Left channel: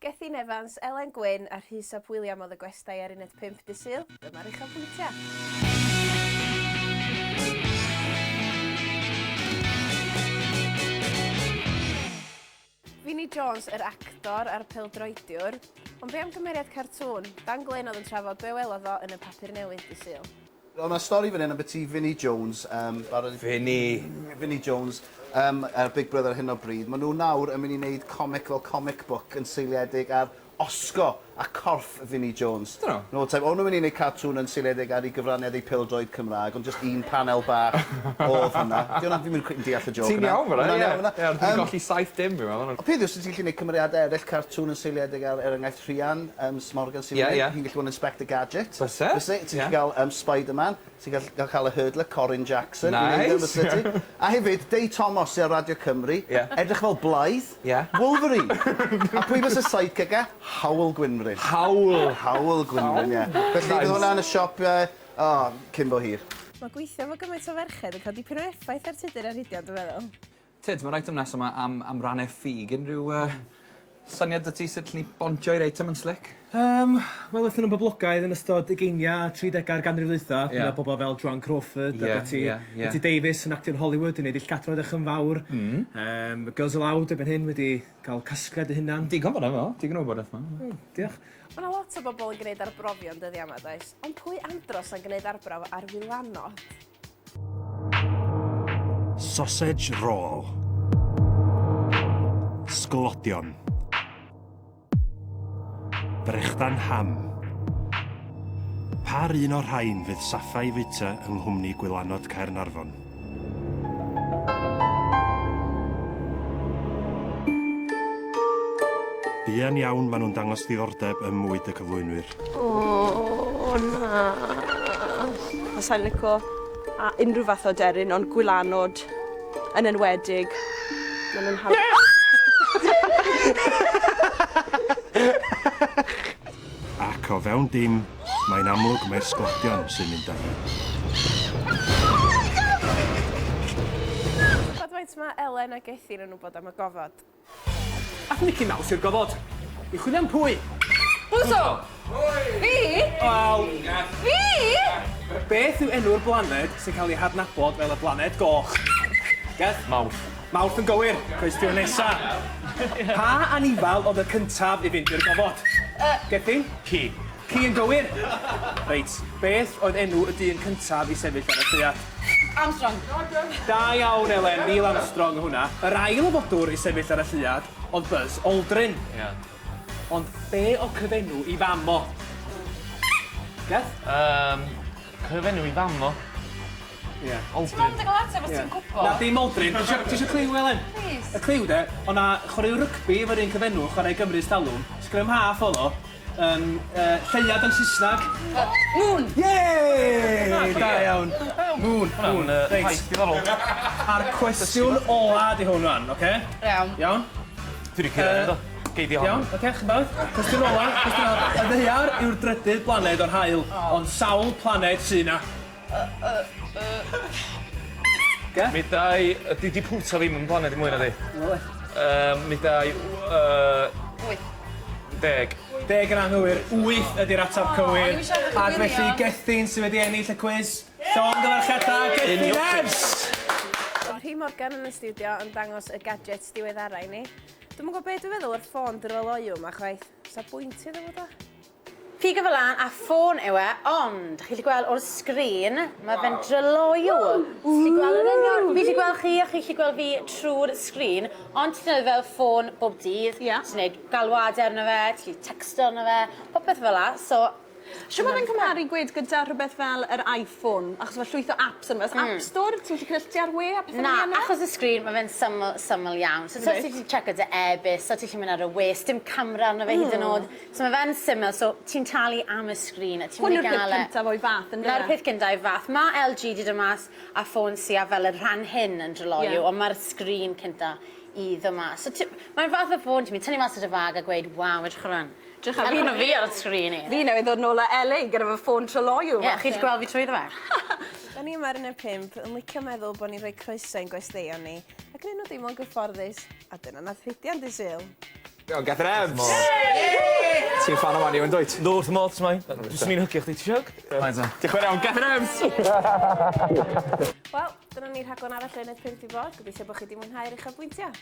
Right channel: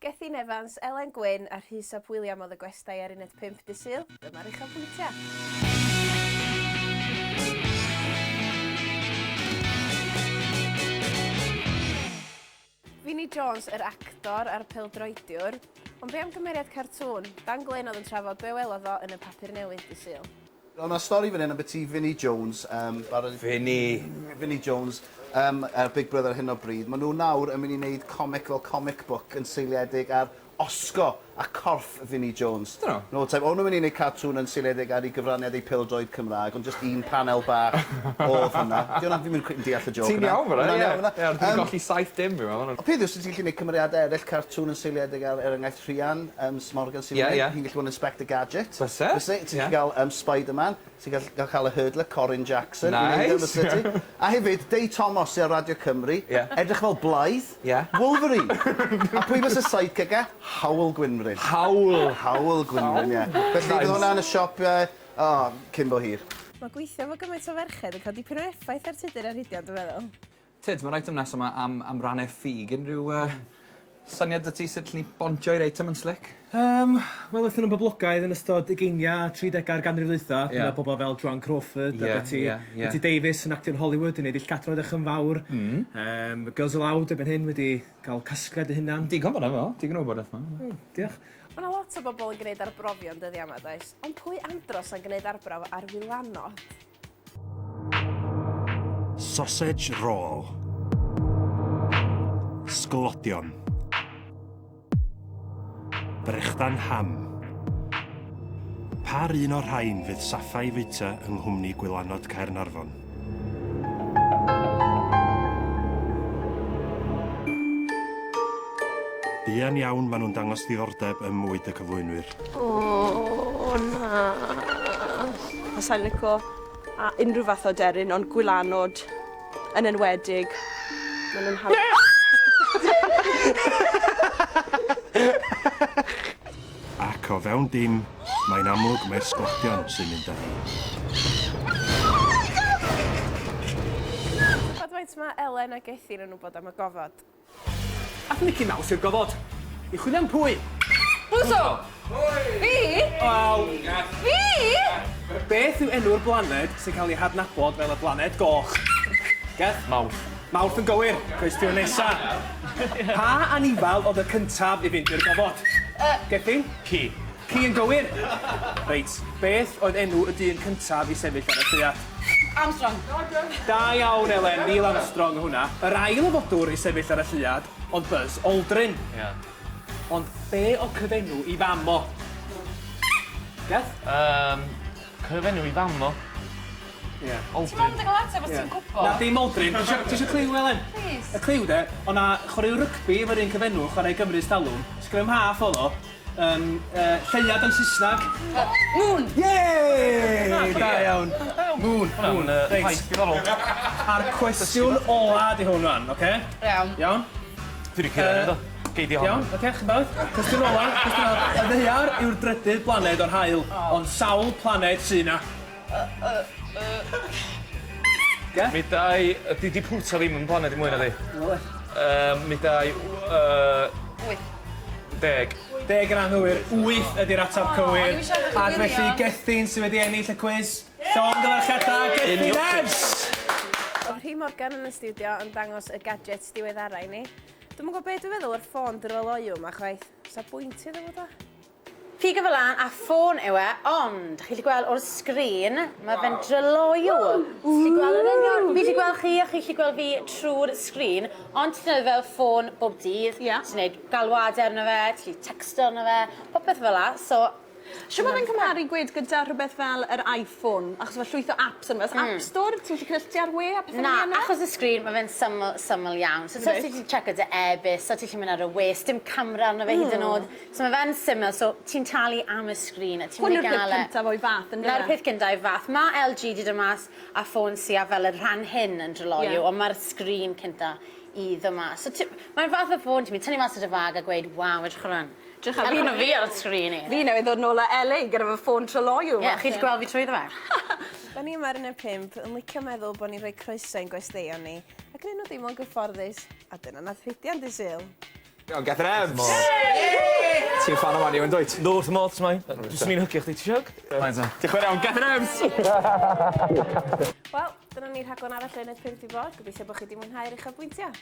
Gethin Evans, Elen Gwyn a Uchafbwyntiau oedd y gwestai ar UNED5 dy Sul. Dyma'r Uchafbwyntiau. Vinnie Jones, yr actor a'r pêl-droediwr, ond be am gymeriad cartŵn? Dan Glyn oedd yn trafod be welodd o yn y papur newydd dy Sul. Mae stori fan hyn am beth i Vinnie Jones. Vinnie Jones, Big Brother hyn o bryd. Maen nhw nawr yn mynd i wneud comic fel comic book yn seiliedig ar Oscar a corff Vinnie Jones. No, o'n nhw'n mynd i wneud cartŵn yn seiliedig ar ei gyfraniad ei pêl-droed Cymraeg, ond just un panel bach o hwnna. Fi'n mynd yn deall y joke. Ti'n iawn fan yna? Ie, dwi'n golli 7 dim fi fel. O peth yw, sy'n gallu gwneud cymeriadau eraill cartŵn yn seiliedig ar enghraifft Rhian, Smorgan sy'n mynd. Hi'n gallu bod yn Inspector Gadget. Ti'n gallu cael Spider-Man. Ti'n gallu cael y hurdler, Corin Jackson. Nice! A hefyd, Dei Thomas ar Radio Cymru, edrych fel Blythe, Wolverine. A pwy fes y sidekick e? Hawl Gwynfryn. Hawl Gwynfryn, ie. Felly, bydd hwnna yn y siop cyn bo hir. Mae gweithio fo gymaint o ferched yn cael dipyn o effaith ar tudur ar hidiau, dwi'n meddwl. Tid, mae'n item nesaf yma am rannau ffug. Unrhyw syniad y ti sut ni bontio i'r item yn slick? Wel, wrthyn nhw'n boblogaidd yn ystod 30 ganrif ddwytha. Gyda bobl fel Joan Crawford, Betty Davis yn actio'n Hollywood, yn neud illcadro edrych yn fawr. Girls Aloud erbyn hyn wedi cael casgliad y hynna'n. Digon fan efo, digon o wybodaeth yma. Diolch. Mae yna lot o bobl yn gwneud arbrofion dyddi yma, does? Ond pwy andros yn gwneud arbrof ar wylanod? Sausage roll. Sglodion. Brechdan ham. Par un o'r rhain fydd saffau fita yng nghwmni gwylanod Caernarfon. Buan iawn maen nhw'n dangos ddiddordeb ym mwyd y cyflwynwyr. Na. Sa'n licio unrhyw fath o deryn, ond gwylanod yn enwedig. Maen nhw'n hawdd. Ac o fewn dim, mae'n amlwg mae'r sglodion sy'n mynd â. Faint mae Elen a Gethin yn wybod am y gofod? Ac Nicky Mouse yw'r gofod. I chwilio am pwy? Wso! Fi? Wel... Fi? Beth yw enw'r blaned sy'n cael ei hadnabod fel y blaned goch? Geth? Mawrth. Mawrth yn gywir. Cwestiwn nesa. Pa anifal oedd y cyntaf i fynd i'r gofod? Gethin? Ci. Ci yn gywir. Reit. Beth oedd enw y dyn cyntaf i sefyll ar y llwyad? Armstrong. Da iawn, Elen. Neil Armstrong o hwnna. Yr ail fodwr i sefyll ar y llwyad oedd Buzz Aldrin. Ond be o cyfenw i fam o? Geth? Cyfenw i fam o? Ie, Aldrin. Na ddim Aldrin. Ti eisiau cliw, Elen? Please. Y cliw de, o'na chwaraew rygbi efo'r un cyfenw, chwarae Gymru's Talwm. Sgrym half o lo. Lleiad yn Saesneg. Moon! Yeeey! Da iawn. Moon. Reit. A'r cwestiwn ola di hwn rhan, oce? Iawn. Iawn? Dwi wedi cyrraedd o. Geidio hon. Iawn, oce, chybod? Cwestiwn ola. Y ddeiar yw'r drydydd blaned o'r haul, ond sawl planed sy'n na. Mi dau... Di Pluto ddim yn blaned i mwy na di. Mi dau... 10. 10 yn anghywir, 8 ydy'r ateb cywir. Ac felly Gethin sydd wedi ennill y cwis. Llond yr acheddau, Gethin Evans! Oedd Rhi Morgan yn y studio yn dangos y gadgets diweddara i ni. Dwi'n gwybod beth dwi'n feddwl o'r ffôn dryloiw yma chwaith. Sa bwynti ddod o? Ffug y fel a ffôn yw e, ond chi wedi gweld o'r sgrin, mae fe'n dryloiw. Fi wedi gweld chi a chi wedi gweld fi trwy'r sgrin, ond ti'n gwneud fel ffôn bob dydd. Ti'n gwneud galwadau arno fe, ti'n texto arno fe, popeth fel la. Siw mae'n cymharu gweud gyda rhywbeth fel yr iPhone, achos mae llwyth o apps yn fes. App Store, ti'n gallu cysylltu ar we a beth Na, achos y sgrin mae fe'n syml iawn. So ti'n gallu checio dy e-bus, so ti'n mynd ar y we, dim camera arno fe hyd yn oed. So mae fe'n syml, so ti'n talu am y sgrin a ti'n mynd i gael e. Hwnnw'r peth cyntaf o'i fath yn Na'r peth gyntaf o'i fath. Mae LG di dymas a ffôn sy'n fel y rhan hyn yn dryloiw, ond mae'r sgrin cyntaf i ddymas. So mae'n fath o ffôn, ti'n mynd tynnu mas o dy fag a gweud, waw, edrych hwnna'n. Drach ar hyn o fi ar y sgrin i. Fi newydd ddod nôl â Elliw gyda fy ffôn tryloiw. Ie, chi wedi gweld fi trwy fe? Da ni yma ar UNED5 yn licio meddwl bod ni'n rhoi croeso i'n gwesteion ni, ac yn nhw ddim yn gyfforddus, a dyna nath Rhidian dy Sul. Gethin Evans! Ti'n fan o Mani, yn dweud? Lwrt y mods mai. Dwi'n mi'n hygio chdi, ti siog? Mae'n ta. Diolch yn iawn, Catherine Ems! Wel, dyna ni rhaglen arall UNED5 di bod. Gobeithio bod chi wedi mwynhau'r uchafbwyntio.